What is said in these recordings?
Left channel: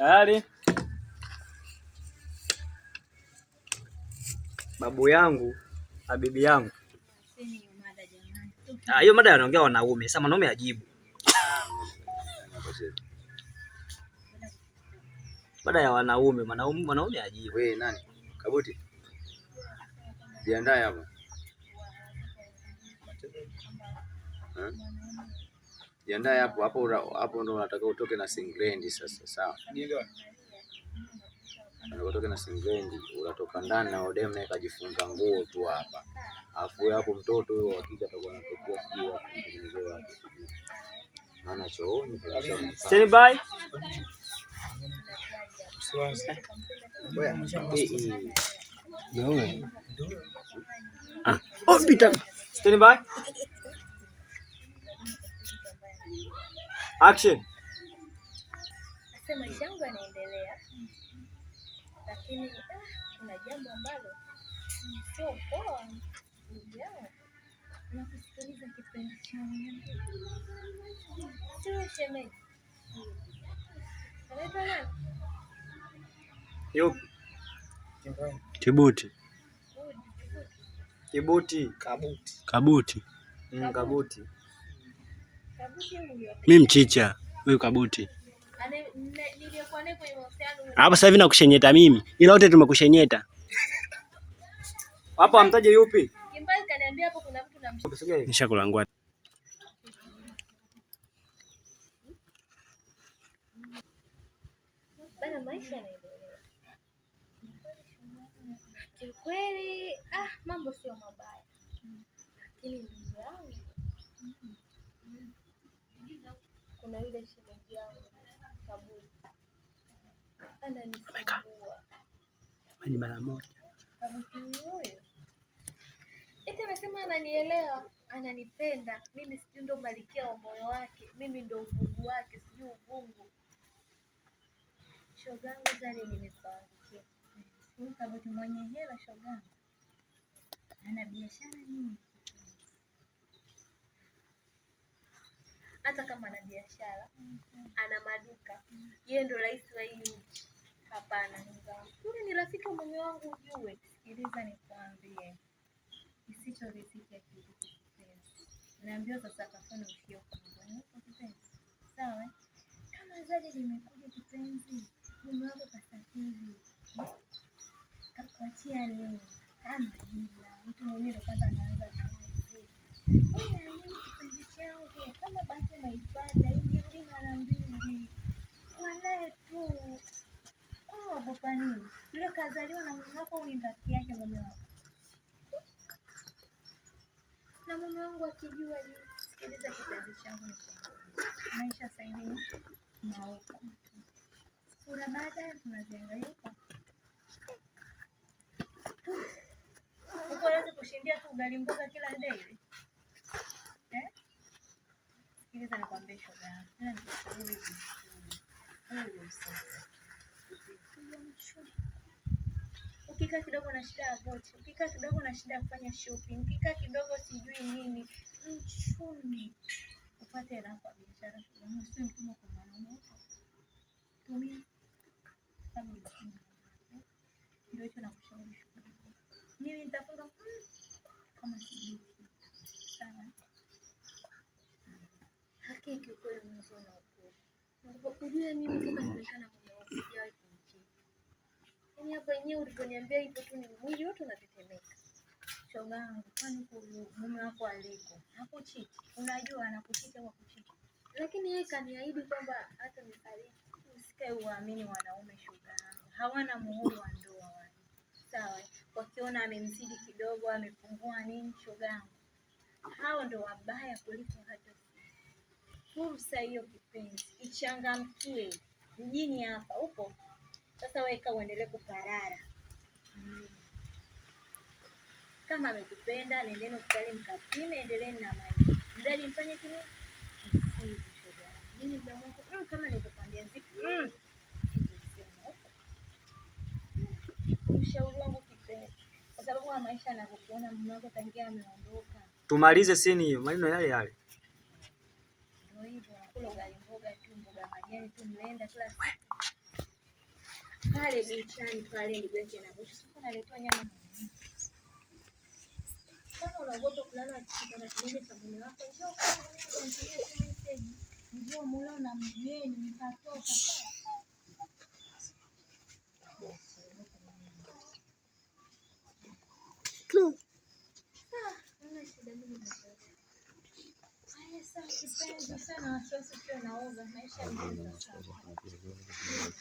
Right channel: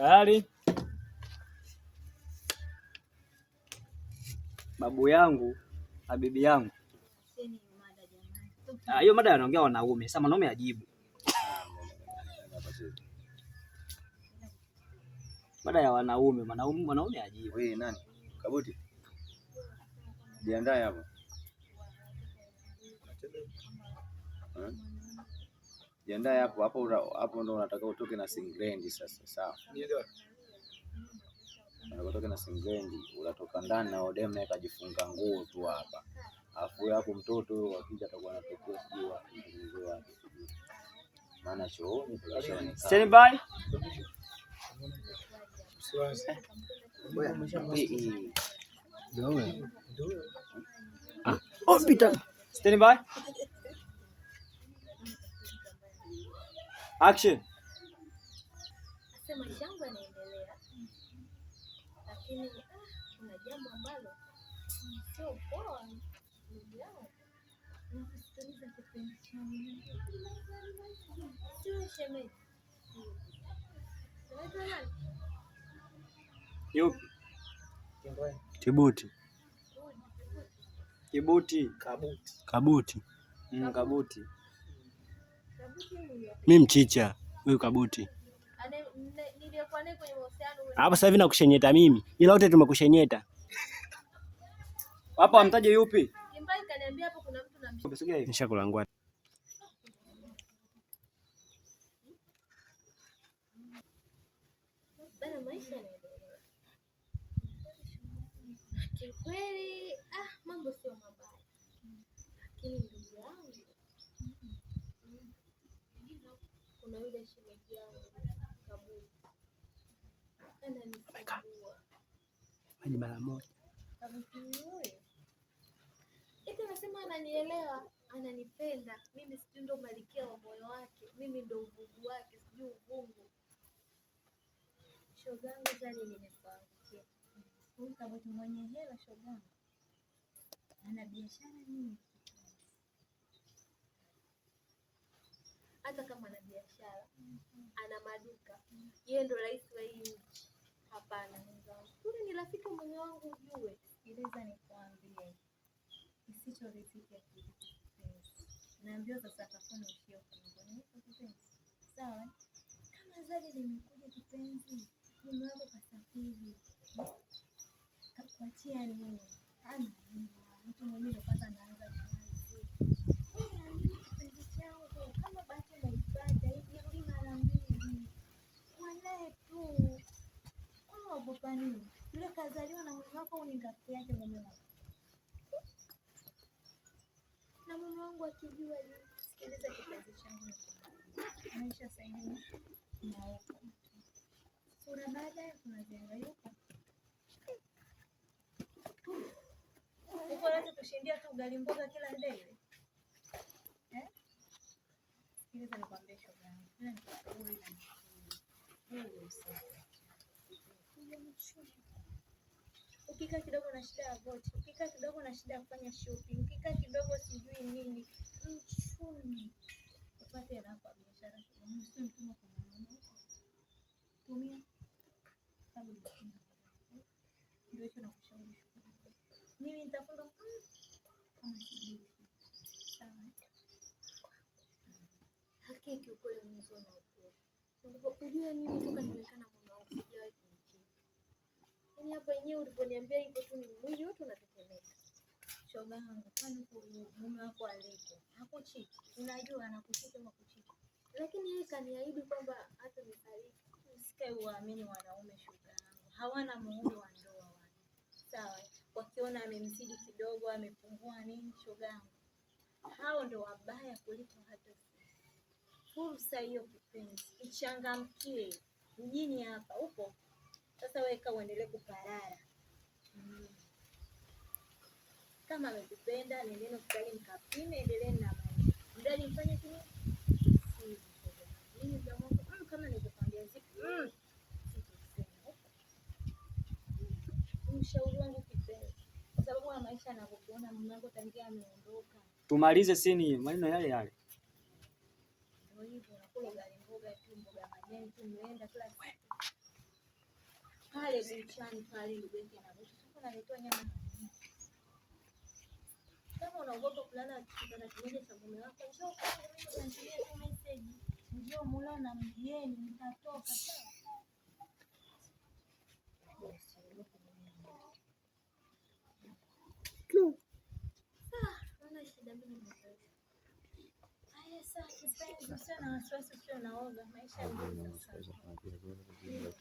Tayari babu yangu na bibi yangu. Hiyo mada anaongea wanaume. Sasa mwanaume ajibu. Mada ya wanaume, mwanaume ajibu. Wewe nani? Kabuti. Jiandae hapo. Jiandae hapo ndo unataka utoke na singlendi sasa, sawa? Unatoka na singlendi, unatoka ndani na odem naye kajifunga nguo tu hapa. Alafu hapo mtoto huyo akija atakuwa anatokea sio wapi wake. Maana chooni tunasema stand by. Hospital. Stand by. Action. Maisha yangu yanaendelea, lakini kuna jambo ambalo sio poa. Na kusikiliza kipenzi changu. Sio shemeji. Anaitwa nani? Yupi? Kibuti. Kibuti. Kabuti. Kabuti. Mimi mchicha, wewe Kabuti. Hapa sasa hivi nakushenyeta mimi. Ila wote tumekushenyeta. Hapo amtaje yupi? Kimbali kaniambia hapo kuna mtu namshika. Nishakulangua. Bana maisha yanaendelea. Kikweli mambo sio mabaya. Lakini ndugu yangu kuna yule shemeji yangu Kaburi. Ananisumbua. Ni mara moja. Eti anasema ananielewa, ananipenda. Mimi sijui ndo malikia wa moyo wake. Mimi ndo ufungu wake, sijui ufungu. Shogangu zali nimefahamu. Huyu Kabuti mwenye hela shogangu. Ana biashara nyingi. Hata kama ana biashara, ana maduka. Yeye ndo rais wa hii nchi. Hapana. Huyu ni rafiki wa mume wangu ujue. Sikiliza nikwambie. Kisichoridhika kitu. Naambiwa sasa kafanya ukio kwa kipenzi. Sawa? Kama Zari limekuja kipenzi, mume wako kasafiri. Kakuachia nini? Kama jina, mtu mwenyewe kwanza anaanza kazi. Kipenzi changu, kama basi naipata, ningekuwa mara mbili. Walae tu. Kwa wagopa nini? Yule kazaliwa na mume wako ni rafiki yake mume wako. Na mume wangu akijua sikiliza kipenzi changu. Maisha sasa hivi na huko. Kuna baada tunajenga. Unaweza kushindia tu ugali mboga kila day. Sikiliza nikwambie shoga. Ukikaa kidogo na shida ya boti, ukikaa kidogo na shida ya kufanya shopping, ukikaa kidogo sijui nini, mchumi upate hela kwa biashara. Sio mtumwa kwa mwanaume. Tumia sababu ndio hicho nakushauri. Mimi nitafunga kama sijui. Sawa. Hakika kweli mzuri na ukweli. Kujua mimi tunaonekana kuna ufikiaji. Yaani hapa yenyewe uliponiambia hivyo tu ni mwili wote unatetemeka. Shogangu, kwani mume wako aliko? Hakuchiti. Unajua anakuchiti au kuchiti. Lakini yeye kaniahidi kwamba hata nifariki. Usikae uamini wanaume shogangu. Hawana muhuri wa ndoa wale. Sawa? Wakiona amemzidi kidogo, amepungua nini shogangu. Hao ndo wabaya kuliko hata fursa hiyo kipenzi. Ichangamkie. Mjini hapa upo. Sasa weka uendelee kuparara. Kama amekupenda, nendeni hospitali mkapime, endelee na maji. Ndani mfanye kile. Kama nilikwambia zipi. Ushauri wangu kipenzi. Kwa sababu maisha anakuona mume wako tangia ameondoka. Tumalize sini hiyo, maneno yale yale. Ndio hivyo, nakula ugali mboga tu, mboga majani tu, mnaenda kila pale bichani pale ndugu yake anaposha. Sasa analetwa nyama. Kama unaogopa kulala na kitendo cha mume wako, ndio mulo na mgeni mtatoka.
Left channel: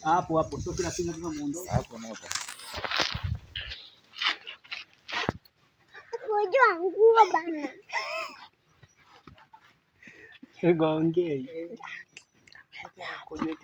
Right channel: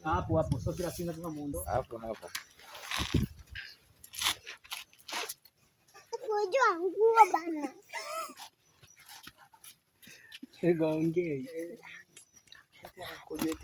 Hapo hapo sio kila kitu lazima muondoke. Hapo na hapo. Unajua nguo bana. Ongea. Kujua